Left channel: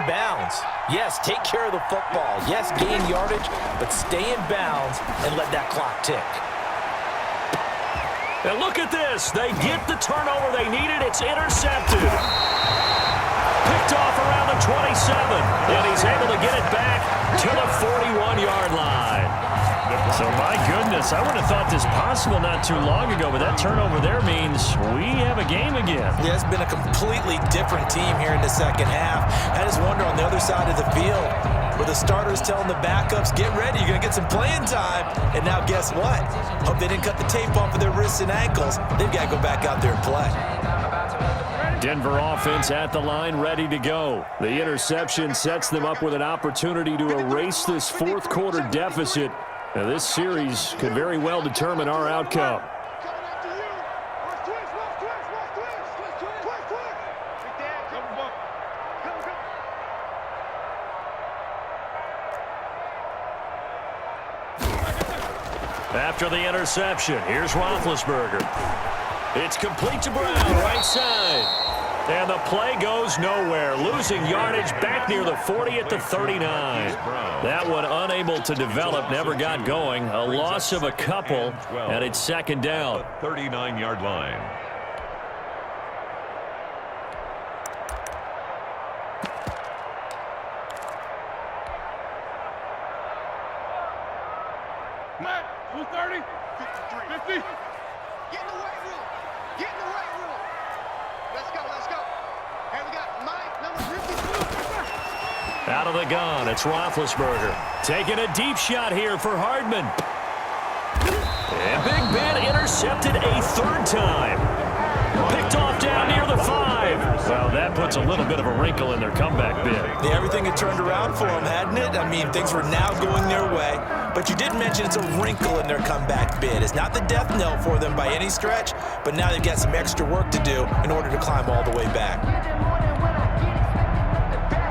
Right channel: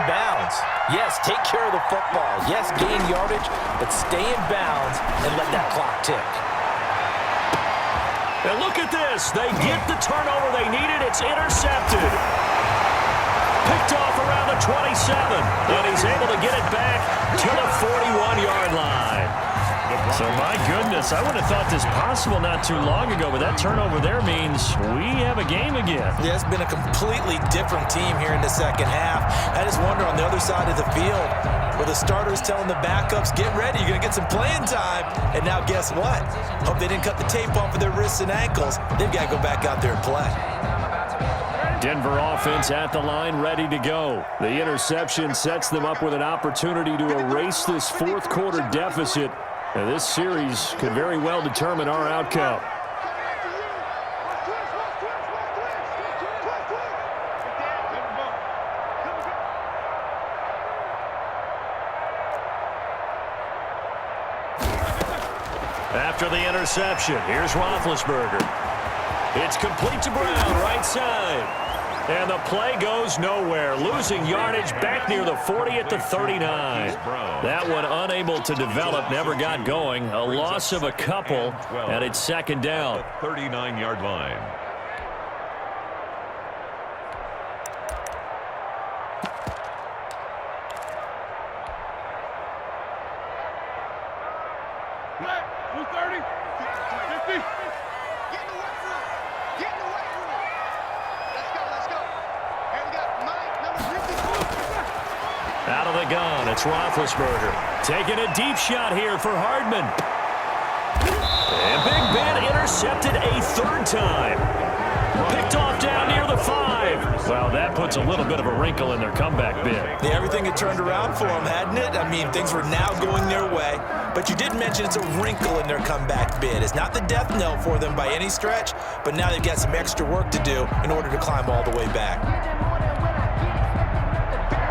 in bounds. Yes, take care of the football. Yes, gain yardage, but stay in bounds and let that clock tick. And look at this. They get the turnover they needed. It's intercepted. Picked off around the 27. And he's able to get it back to the 41-yard line. So, my goodness, I would have thought this possible not too long ago, but that turnover there means we have a game again. Yeah, it's been a completely different team here in the second half. I just wonder on the other side of the field where the starters telling the backups, get ready, you're going to get some playing time. And now guess what? Hope they didn't cut the tape off of their wrists and ankles. They've got to go back out there and play. Denver offense at the line, ready to go. The interception sets them up with an opportunity to erase this fourth quarter deficit. Now, this series could very well determine our outcome. After the interception, here's Roethlisberger. It's complete to Brown, right side. And the play goes nowhere, losing yardage back near the 40 at the 39. That one unable to develop, never got going. A loss of a couple, and it's second down. 39-yard line. Matt, 230, 50. Get in the weight room. Get in the weight room. Let's go, let's go. Hey, we got Mike, number 52. Out of the gun, it's Roethlisberger. Taking a deep shot here for Hardman. And Big Ben intercepted a third time. Picked off down near the 5. Well, that puts a little bit of a wrinkle in their comeback bid. Yeah, everything had turned around for them, hadn't it? I mean, things were now going their way. But you did mention it's a wrinkle in their comeback bid. It's not the death knell for them by any stretch, but now they've got some extra work to do in order to climb all the way back.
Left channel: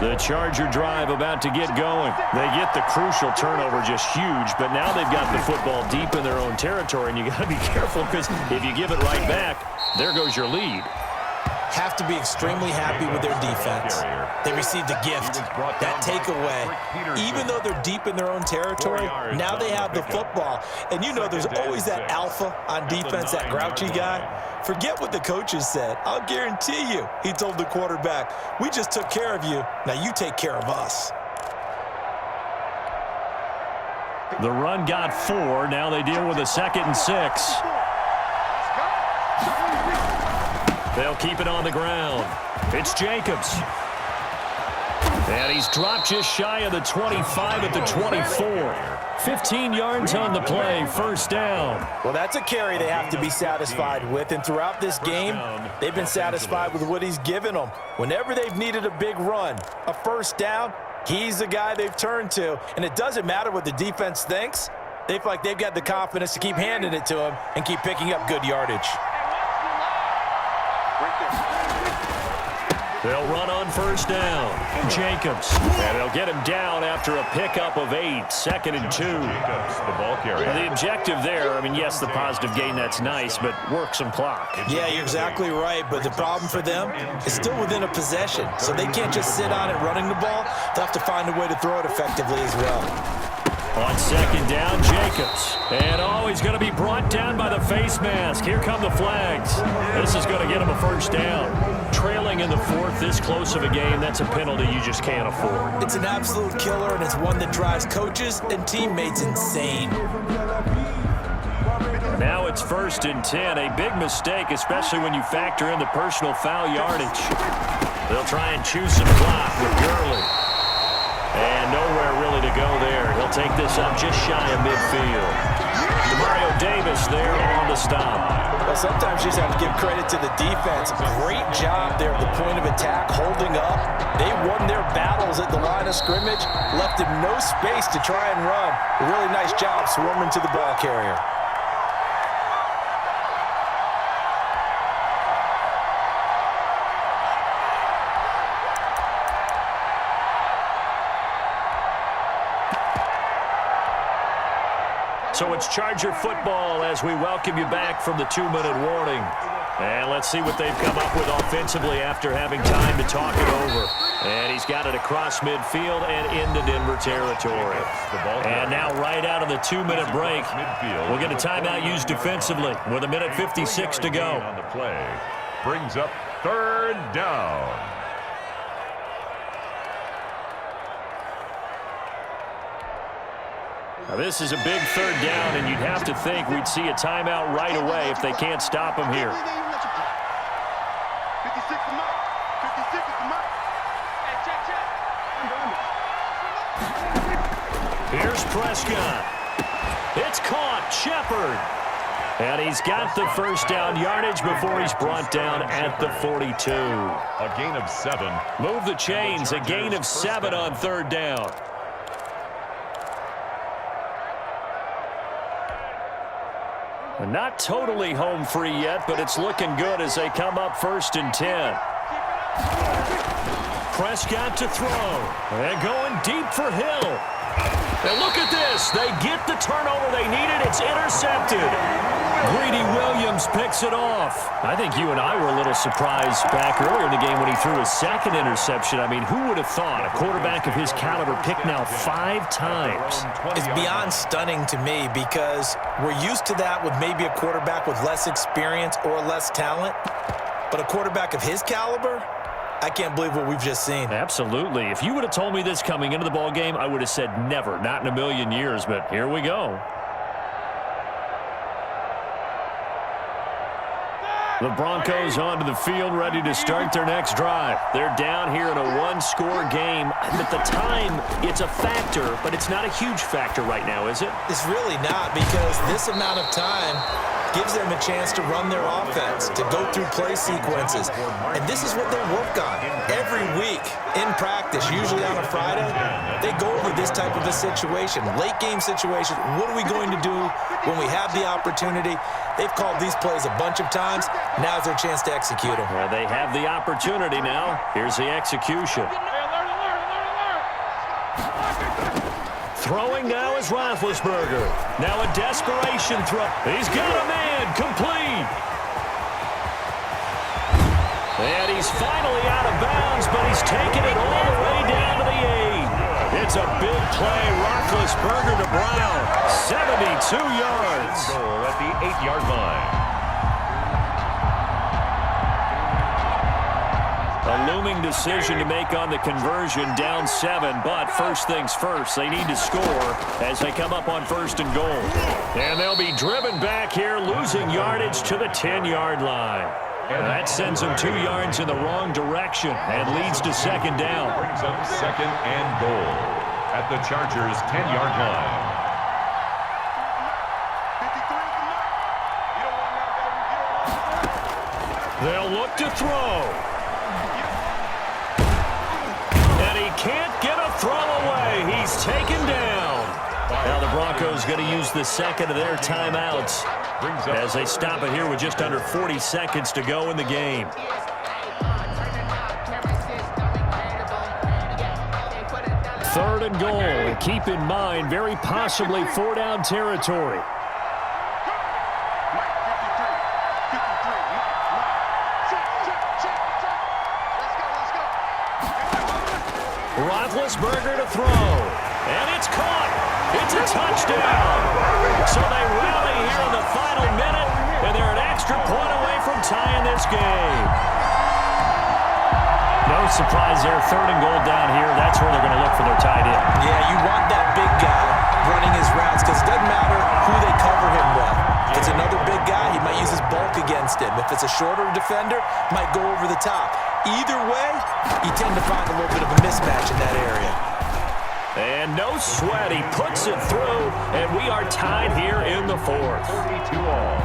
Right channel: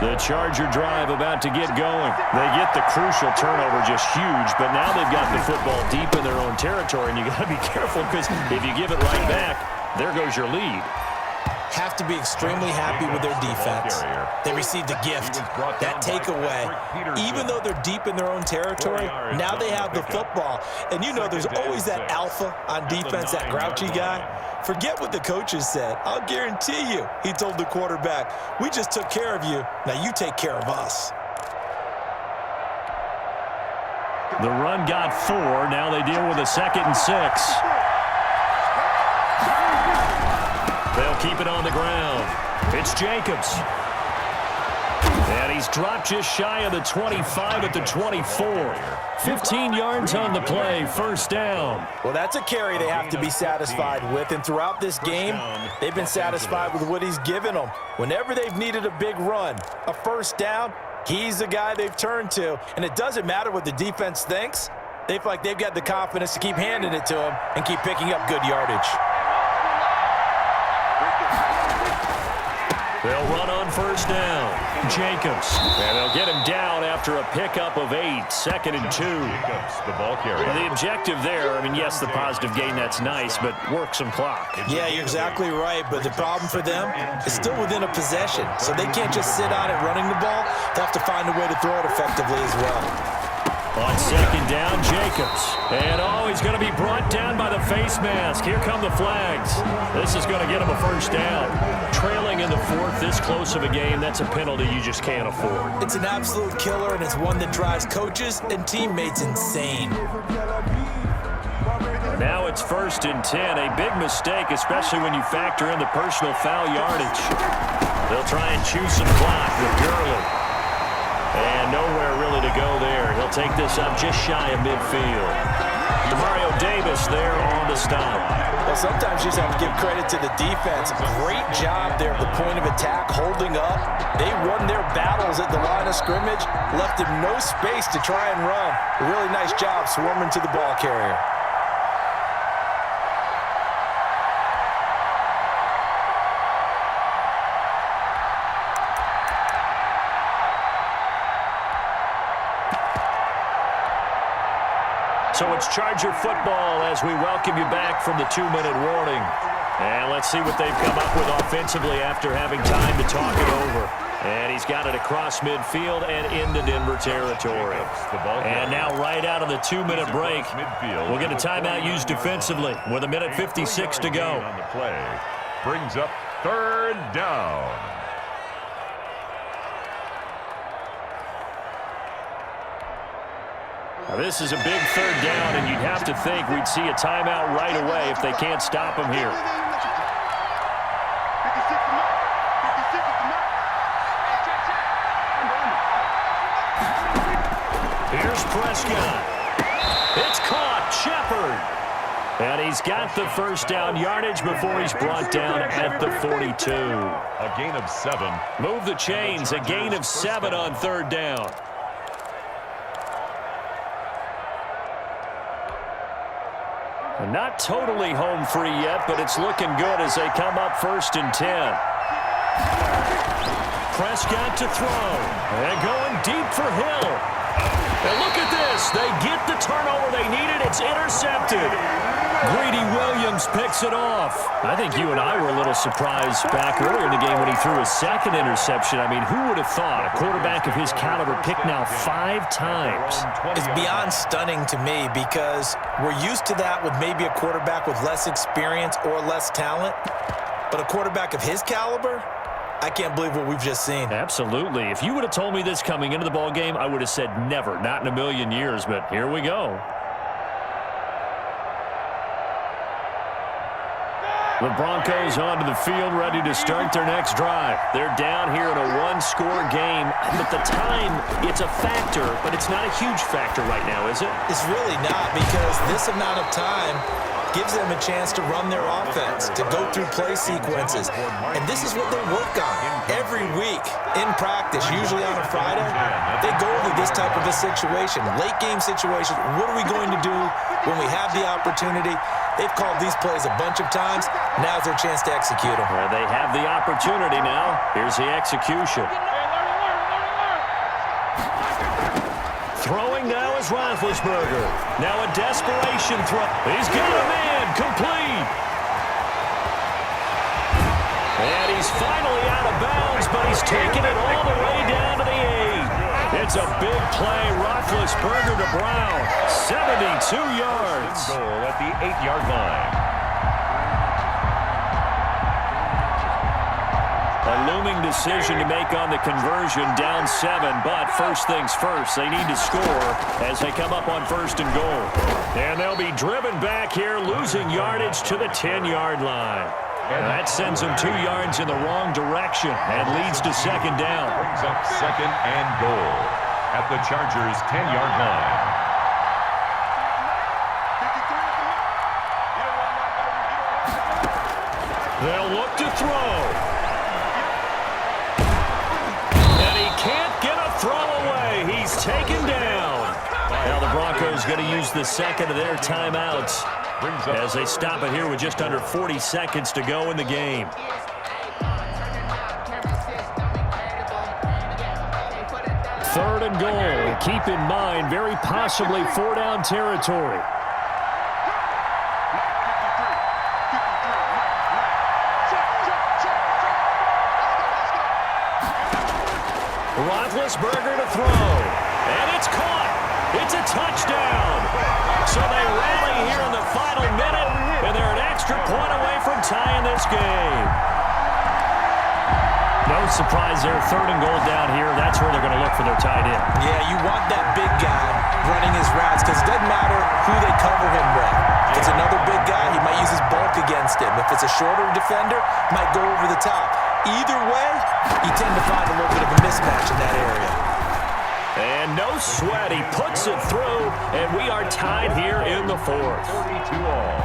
The Charger drive about to get going. They get the crucial turnover, just huge, but now they've got the football deep in their own territory, and you got to be careful because if you give it right back, there goes your lead. Have to be extremely happy with their defense. They received a gift, that takeaway. Even though they're deep in their own territory, now they have the football. And you know there's always that alpha on defense, that grouchy guy. Forget what the coaches said. I'll guarantee you, he told the quarterback, we just took care of you. Now you take care of us. The run got 4. Now they deal with a 2nd and 6. They'll keep it on the ground. It's Jacobs. And he's dropped just shy of the 25 at the 24. 15 yards on the play, first down. Well, that's a carry they have to be satisfied with. And throughout this game, they've been satisfied with what he's given them. Whenever they've needed a big run, a first down, he's the guy they've turned to. And it doesn't matter what the defense thinks. They feel like they've got the confidence to keep handing it to him and keep picking up good yardage. They'll run on first down. Jacobs. And they'll get him down after a pickup of 8. 2nd and 2. Jacobs, the ball carrier. Well, the objective there, I mean, yes, the positive gain, that's nice, but work some clock. Yeah, you're exactly right, but the problem for them is still within a possession, so they can't just sit on it running the ball. They'll have to find a way to throw it effectively as well. On second down, Jacobs. And, he's going to be brought down by the face mask. Here come the flags. This is going to get him a first down. Trailing in the 4th, this close of a game, that's a penalty you just can't afford. It's an absolute killer, and it's one that drives coaches and teammates insane. Now it's 1st and 10. A big mistake, especially when you factor in the personal foul yardage. They'll try and chew some clock with Gurley. And nowhere really to go there. He'll take this up just shy of midfield. Demario Davis there on the stop. Well, sometimes you just have to give credit to the defense. Great job there at the point of attack, holding up. They won their battles at the line of scrimmage, left him no space to try and run. A really nice job swarming to the ball carrier. So it's Charger football as we welcome you back from the 2-minute warning. And let's see what they've come up with offensively after having time to talk it over. And he's got it across midfield and into Denver territory. And now right out of the 2-minute break, we'll get a timeout used defensively with 1:56 to go. On the play brings up 3rd down. Now this is a big 3rd down, and you'd have to think we'd see a timeout right away if they can't stop him here. 56 to Mike. 56 to Mike. Hey, check. Here's Prescott. It's caught. Shepard. And he's got the first down yardage before he's brought down at the 42. A gain of 7. Move the chains. A gain of 7 on 3rd down. Not totally home free yet, but it's looking good as they come up 1st and 10. Prescott to throw. And going deep for Hill. And look at this. They get the turnover they needed. It's intercepted. Greedy Williams picks it off. I think you and I were a little surprised back earlier in the game when he threw his 2nd interception. I mean, who would have thought a quarterback of his caliber picked now 5 times? It's beyond stunning to me because we're used to that with maybe a quarterback with less experience or less talent. But a quarterback of his caliber, I can't believe what we've just seen. Absolutely. If you would have told me this coming into the ball game, I would have said never, not in a million years. But here we go. The Broncos onto the field, ready to start their next drive. They're down here in a 1-score game. But the time, it's a factor, but it's not a huge factor right now, is it? It's really not, because this amount of time gives them a chance to run their offense, to go through play sequences. And this is what they work on every week in practice, usually on a Friday. They go over this type of a situation, late game situation. What are we going to do when we have the opportunity? They've called these plays a bunch of times. Now's their chance to execute them. Well, they have the opportunity now. Here's the execution. Throwing now is Roethlisberger. Now a desperation throw. He's got a man. Complete. And he's finally out of bounds, but he's taken it all the way down to the 8. It's a big play. Roethlisberger to Brown. 72 yards. Goal at the 8-yard line. A looming decision to make on the conversion, down 7, but first things first, they need to score as they come up on 1st and goal. And they'll be driven back here, losing yardage to the 10-yard line. And that sends them 2 yards in the wrong direction and leads to 2nd down. Brings up 2nd and goal at the Chargers' 10-yard line. They'll look to throw. Can't get a throw away. He's taken down. Now the Broncos going to use the 2nd of their timeouts as they stop it here with just under 40 seconds to go in the game. 3rd and goal. Keep in mind, very possibly 4-down territory. Roethlisberger to throw. And it's caught. It's a touchdown. So they rally here in the final minute, and they're an extra point away from tying this game. No surprise there. 3rd and goal down here. That's where they're going to look for their tight end. Yeah, you want that big guy running his routes because it doesn't matter who they cover him with. If it's another big guy, he might use his bulk against him. If it's a shorter defender, might go over the top. Either way, you tend to find a little bit of a mismatch in that area. And no sweat. He puts it through, and we are tied here in the 4th. 42-all.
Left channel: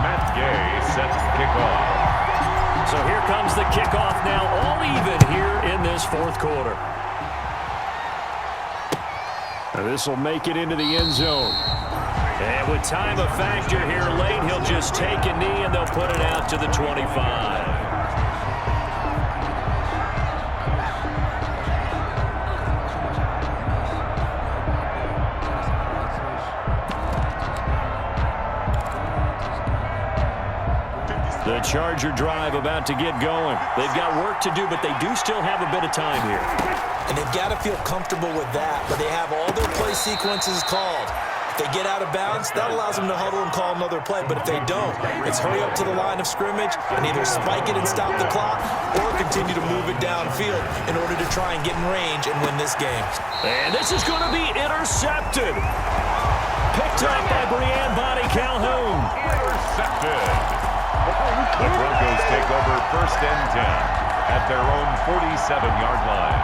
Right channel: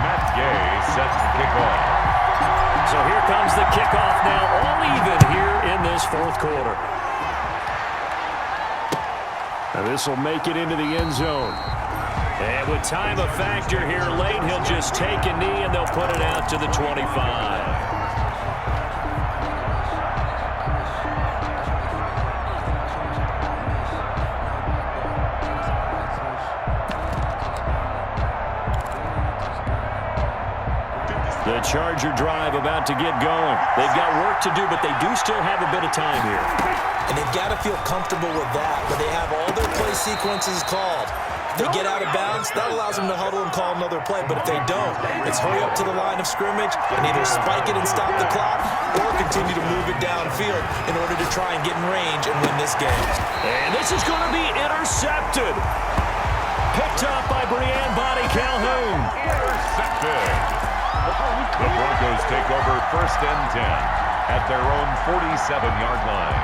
Matt Gay set to kick off. So here comes the kickoff now, all even here in this 4th quarter. Now this will make it into the end zone. And with time a factor here late, he'll just take a knee, and they'll put it out to the 25. The Charger drive about to get going. They've got work to do, but they do still have a bit of time here. And they've got to feel comfortable with that, but they have all their play sequences called. If they get out of bounds, that allows them to huddle and call another play. But if they don't, it's hurry up to the line of scrimmage and either spike it and stop the clock or continue to move it downfield in order to try and get in range and win this game. And this is going to be intercepted. Picked up by Brian Body Calhoun. Intercepted. The Broncos take over 1st and 10 at their own 47-yard line.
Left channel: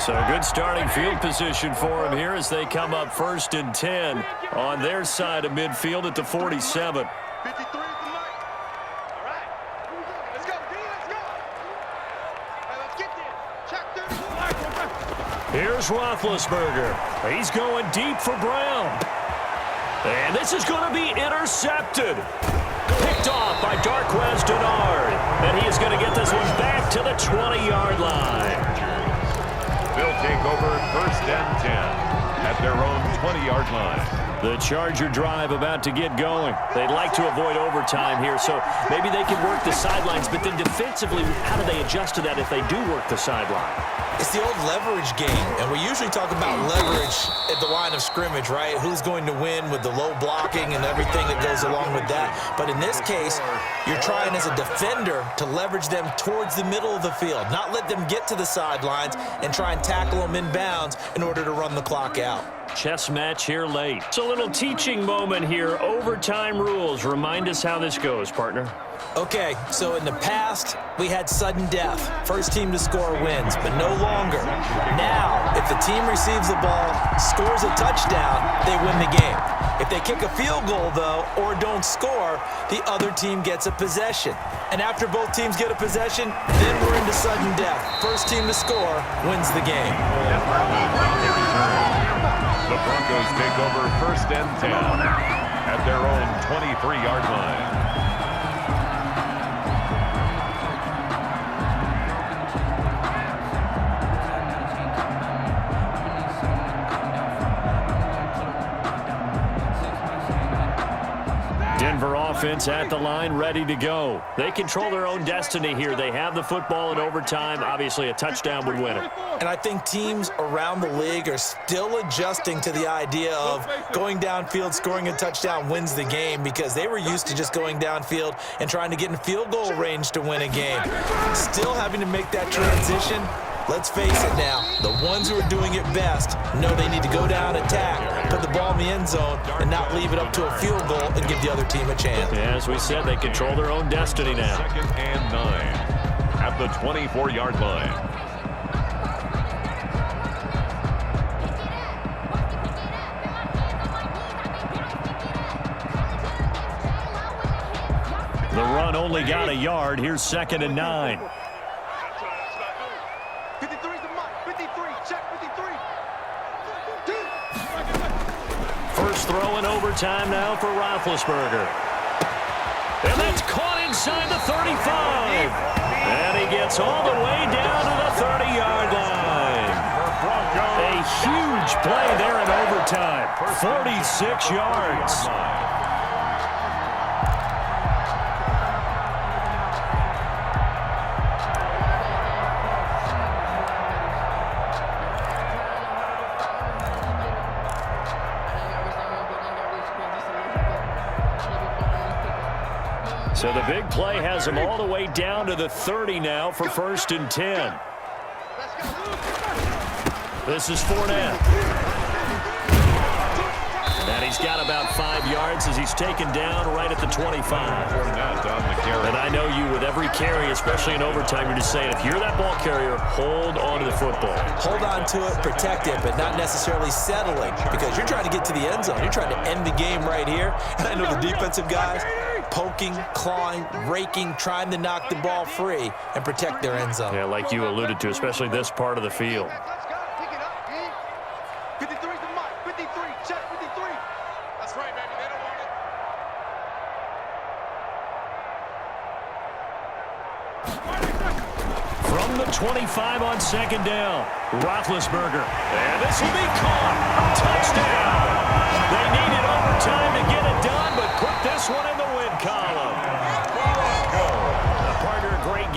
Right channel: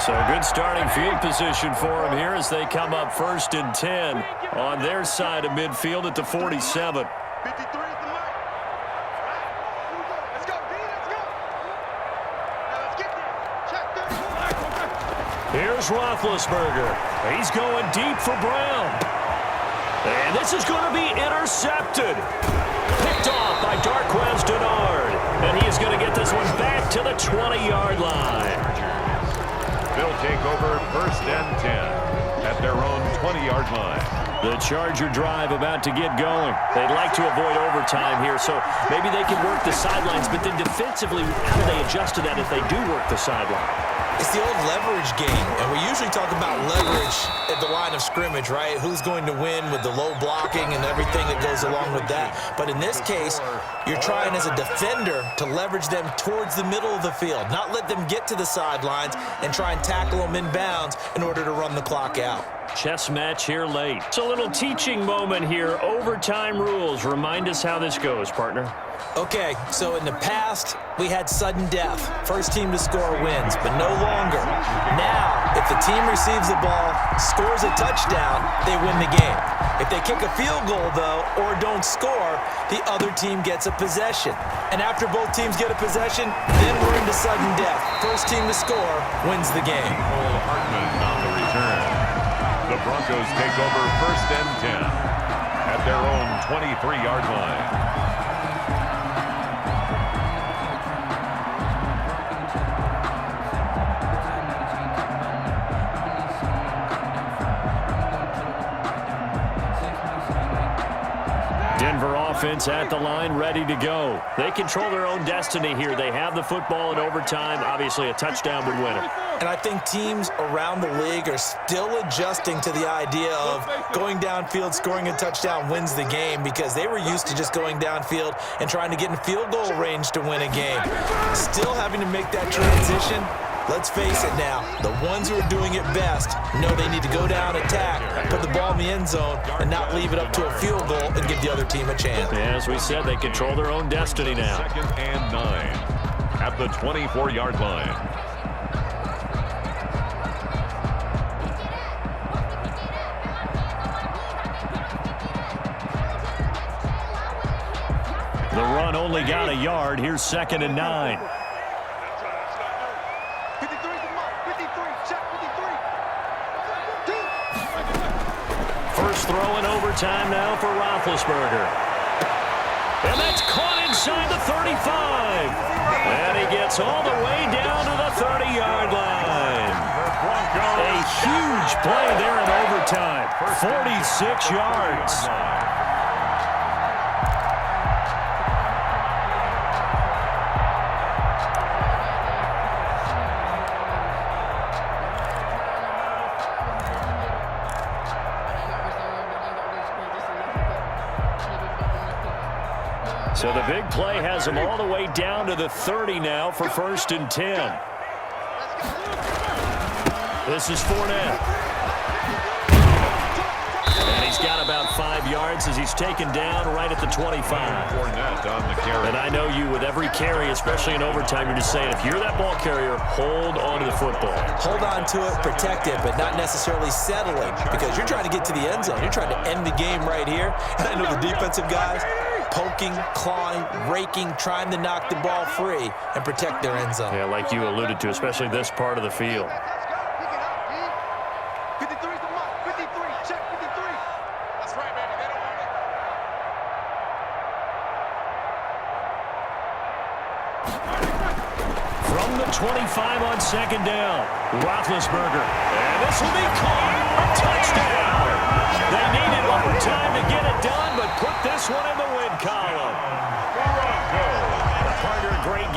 So good starting field position for them here as they come up 1st and 10 on their side of midfield at the 47. 53 is the mark. All right. Here we go. Let's go, D. Let's go. Now let's get there. Check 34. Here's Roethlisberger. He's going deep for Brown. And this is going to be intercepted. Picked off by Darqueze Dennard. And he is going to get this one back to the 20-yard line. They'll take over 1st and 10 at their own 20-yard line. The Charger drive about to get going. They'd like to avoid overtime here, so maybe they can work the sidelines, but then defensively, how do they adjust to that if they do work the sideline? It's the old leverage game, and we usually talk about leverage at the line of scrimmage, right? Who's going to win with the low blocking and everything that goes along with that. But in this case, you're trying as a defender to leverage them towards the middle of the field, not let them get to the sidelines and try and tackle them in bounds in order to run the clock out. Chess match here late. It's a little teaching moment here. Overtime rules. Remind us how this goes, partner. Okay, so in the past, we had sudden death. First team to score wins, but no longer. Now, if the team receives the ball, scores a touchdown, they win the game. If they kick a field goal, though, or don't score, the other team gets a possession. And after both teams get a possession, then we're into sudden death. First team to score wins the game. On the return. The Broncos take over 1st and 10 at their own 23-yard line. Denver offense at the line, ready to go. They control their own destiny here. They have the football in overtime. Obviously, a touchdown would win it. And I think teams around the league are still adjusting to the idea of going downfield, scoring a touchdown wins the game because they were used to just going downfield and trying to get in field goal range to win a game. Still having to make that transition. Let's face it now, the ones who are doing it best know they need to go down, attack, put the ball in the end zone, and not leave it up to a field goal and give the other team a chance. Yeah, as we said, they control their own destiny now. 2nd and 9 at the 24-yard line. The run only got a yard. Here's 2nd and 9. 53 is the mark. 53. Check 53. First throw in overtime now for Roethlisberger. And that's caught inside the 35. And he gets all the way down to the 30-yard line. A huge play there in overtime. 46 yards. So the big play has him all the way down to the 30 now for 1st and 10. This is Fournette. And he's got about 5 yards as he's taken down right at the 25. Fournette on the carry. And I know you, with every carry, especially in overtime, you're just saying, if you're that ball carrier, hold on to the football. Hold on to it, protect it, but not necessarily settling because you're trying to get to the end zone. You're trying to end the game right here. And I know the defensive guys poking, clawing, raking, trying to knock the ball free and protect their end zone. Yeah, like you alluded to, especially this part of the field. Let's go. Pick it up, D. 53 is the mark. 53. Check 53. That's right, baby. They don't want it. From the 25 on 2nd down, Roethlisberger. And this will be caught. Touchdown. They needed overtime. time to get it done, but put this one in the win column. Broncos. A partner, a great game.